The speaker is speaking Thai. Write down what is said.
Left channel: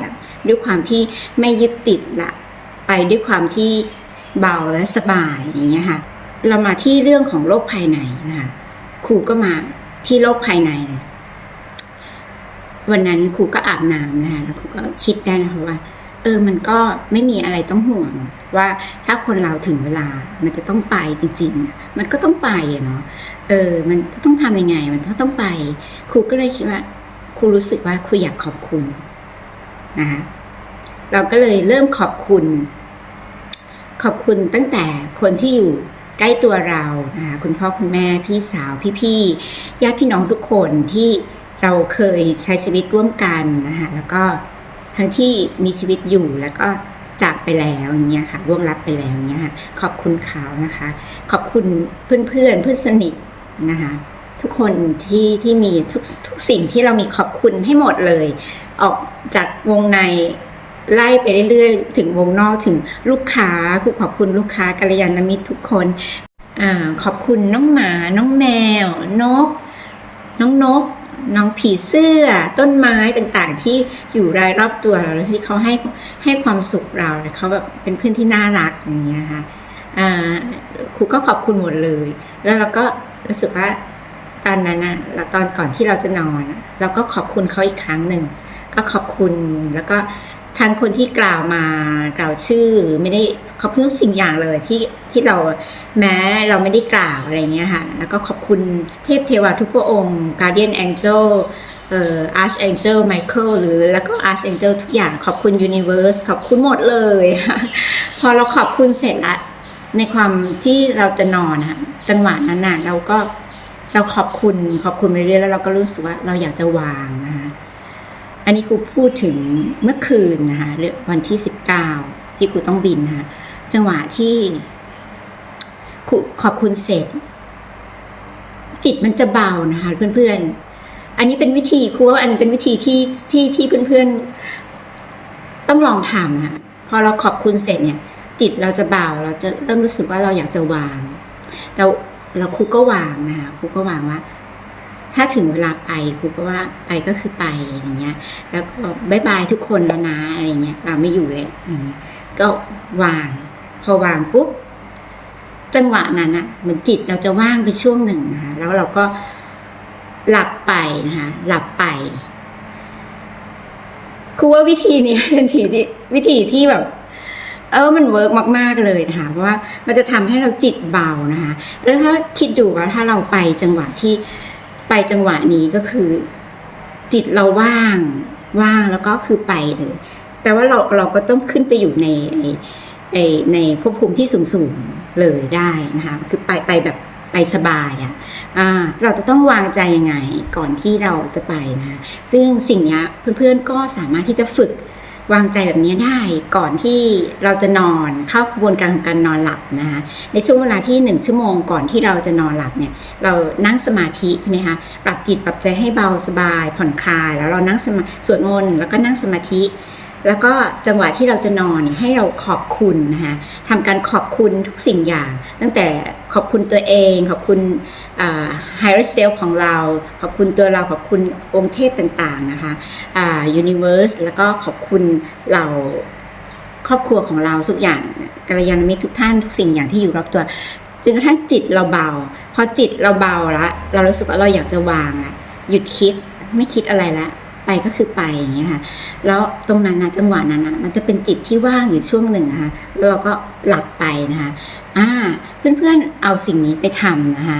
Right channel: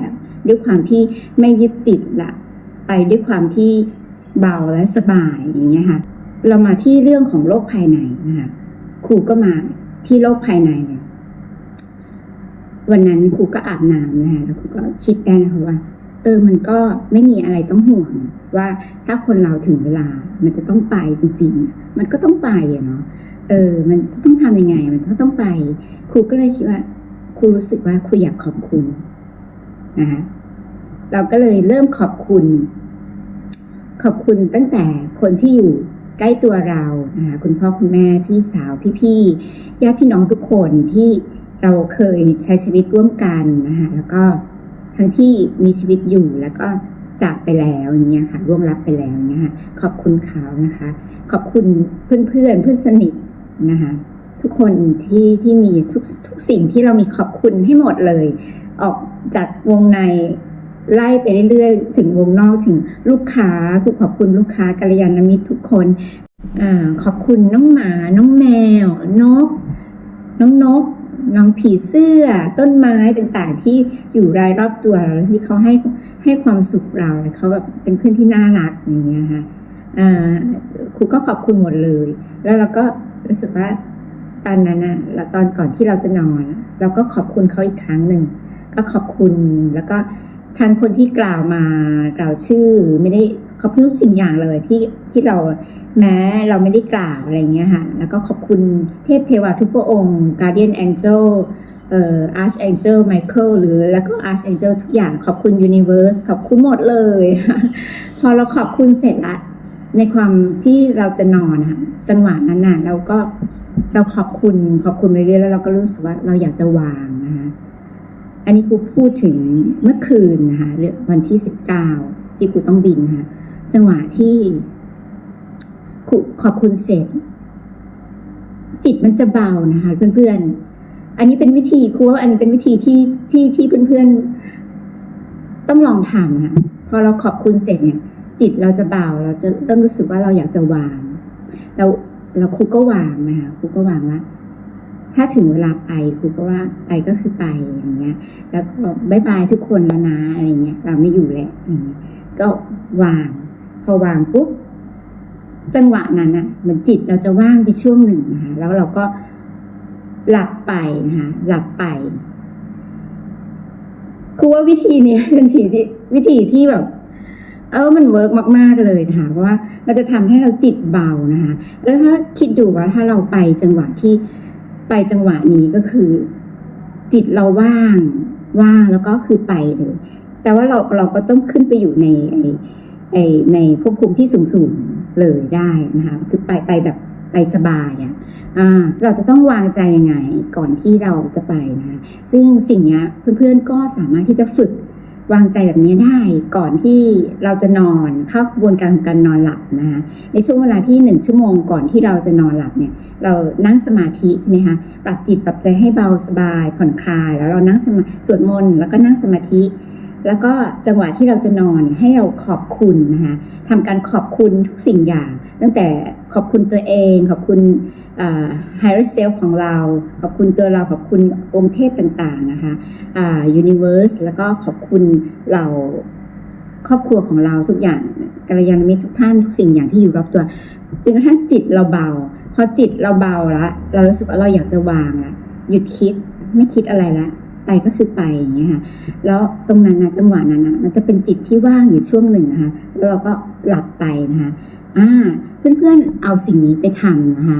แบบ ด้วยความที่ไม่ยึดติดละไปด้วยความที่เบาและสบายอย่างเงี้ยค่ะ เรามาที่เรื่องของโรคภายในนะคะครูก็มาที่โรคภายในเลยวันนั้นครูก็อาบน้ำนะคะแล้วครูก็คิดได้นะคะว่า เออมันก็ไม่มีอะไรต้องห่วง ว่าถ้าคนเราถึงเวลา มันจะต้องไปจริงๆ มันก็ต้องไปอะเนาะเออ มันจะต้องทำยังไง มันก็ต้องไป ครูก็เลยคิดว่า ครูรู้สึกว่าครูอยากขอบคุณ นะคะเราก็เลยเริ่มขอบคุณ ขอบคุณตั้งแต่คนที่อยู่ใกล้ตัวเรานะคะคุณพ่อคุณแม่พี่สาวพี่ๆญาติพี่น้องทุกคนที่เราเคยใช้ชีวิตร่วมกันนะคะแล้วก็ทั้งที่มีชีวิตอยู่แล้วก็จากไปแล้วอย่างเงี้ยค่ะร่วงรับไปแล้วอย่างเงี้ยค่ะขอบคุณเขานะคะ ขอบคุณเพื่อนเพื่อนเพื่อนสนิทนะคะทุกคนที่ที่มีทุกทุกสิ่งที่เรามีขอบคุณให้หมดเลย ออกจากวงในไล่ไปเรื่อยๆ ถึงวงนอกถึงลูกค้าครูขอบคุณลูกค้ากัลยาณมิตรทุกคนอขอบคุณน้องหมา น้องแมว นก น้องนก น้องผีเสื้อ ต้นไม้ต่างๆ ที่อยู่รายรอบตัวเราที่เขาให้ให้ความสุขเราเขาแบบเป็นเพื่อนที่น่ารักอย่างเงี้ยค่ะครูก็ขอบคุณหมดเลย แล้วเราก็รู้สึกว่าตอนนั้นอะแล้วตอนก่อนที่เราจะนอน เราก็ขอบคุณเขาอีกครั้งหนึ่ง ก็ขอบคุณแล้วก็ทางคนที่กล่าวมากล่าวชื่อหรือไม่ได้ขอบคุณทุกสิ่งอย่างเลยที่ที่เราแม้เราไม่ได้กล่าวอะไรเงี้ยค่ะแล้วก็ขอบคุณเทพเทวาทุกพระองค์ Guardian Angel เอ่อ Archangel Michael หรือแล้วก็ Archangel ทุกอย่างขอบคุณ Universe ขอบคุณหมดเลย พอเราขอบคุณเสร็จละในความที่เราจะนอนนะคะจังหวะนั้นน่ะเราก็เราขอบคุณขอบคุณไปเรื่อยแล้วเราก็รู้สึกว่าเราอยากจะวางนะคะ อันนี้ครูพูดถึงเมื่อคืนนะคะเรื่อวันที่สิบเก้าที่ครูต้องบินนะคะจังหวะที่ครูขอบคุณเสร็จ จิตมันจะเบานะคะ เพื่อนๆ อันนี้เป็นวิธีครูว่าอันเป็นวิธีที่ที่ที่เพื่อนๆ ต้องลองทำนะคะพอเราขอบคุณเสร็จเนี่ย จิตเราจะเบาเราจะเริ่มรู้สึกว่าเราอยากจะวาง เราเราครูก็วางนะคะครูก็วางว่า ถ้าถึงเวลาไปครูก็ว่าไปก็คือไปอย่างเงี้ย แล้วก็บายบายทุกคนแล้วนะอะไรเงี้ยเราไม่อยู่แล้วก็วาง พอวางปุ๊บจังหวะนั้นอะเหมือนจิตเราจะว่างไปช่วงหนึ่งนะคะแล้วเราก็หลับไปนะคะหลับไปครูว่าวิธีนี้เป็นวิธีที่วิธีที่แบบ เออมันเวิร์กมาก ๆเลยนะคะเพราะว่ามันจะทำให้เราจิตเบานะคะแล้วถ้าคิดดูว่าถ้าเราไปจังหวะที่ ไปจังหวะนี้ก็คือ จิตเราว่างว่างแล้วก็คือไปเลยแปลว่าเราเราก็ต้องขึ้นไปอยู่ในไอ้ไอ้ในภพภูมิที่สูงสูงเลยได้นะคะคือไปไปแบบไปสบายอะ่ะเราจะต้องวางใจยังไงก่อนที่เราจะไปนะ ซึ่งสิ่งเนี้ยเพื่อนๆก็สามารถที่จะฝึก วางใจแบบนี้ได้ก่อนที่เราจะนอนเข้ากระบวนการของการนอนหลับนะคะในช่วงเวลาที่หนึ่งชั่วโมงก่อนที่เราจะนอนหลับเนี่ยเรานั่งสมาธิใช่ไหมคะปรับจิตปรับใจให้เบาสบายผ่อนคลาย แล้วเรานั่งสมาสวดมนต์แล้วก็นั่งสมาธิ แล้วก็จังหวะที่เราจะนอนให้เราขอบคุณนะคะทำการขอบคุณทุกสิ่งอย่าง ตั้งแต่ขอบคุณตัวเอง ขอบคุณ higher self ของเรา ขอบคุณตัวเราขอบคุณองค์เทพต่างๆนะคะอ่า universe แล้วก็ขอบคุณเราครอบครัวของเราทุกอย่างกัลยาณมิตรทุกท่านทุกสิ่งอย่างที่อยู่รอบตัวจนกระทั่งจิตเราเบา พอจิตเราเบาแล้วเรารู้สึกว่าเราอยากจะวางละหยุดคิดไม่คิดอะไรละ ก็คือไปอย่างเงี้ยค่ะแล้วตรงนั้นนะจังหวะนั้นนะมันจะเป็นจิตที่ว่างอยู่ช่วงหนึ่งนะคะแล้วเราก็หลับไปนะคะอ่าเพื่อนๆเอาสิ่งนี้ไปทำนะคะ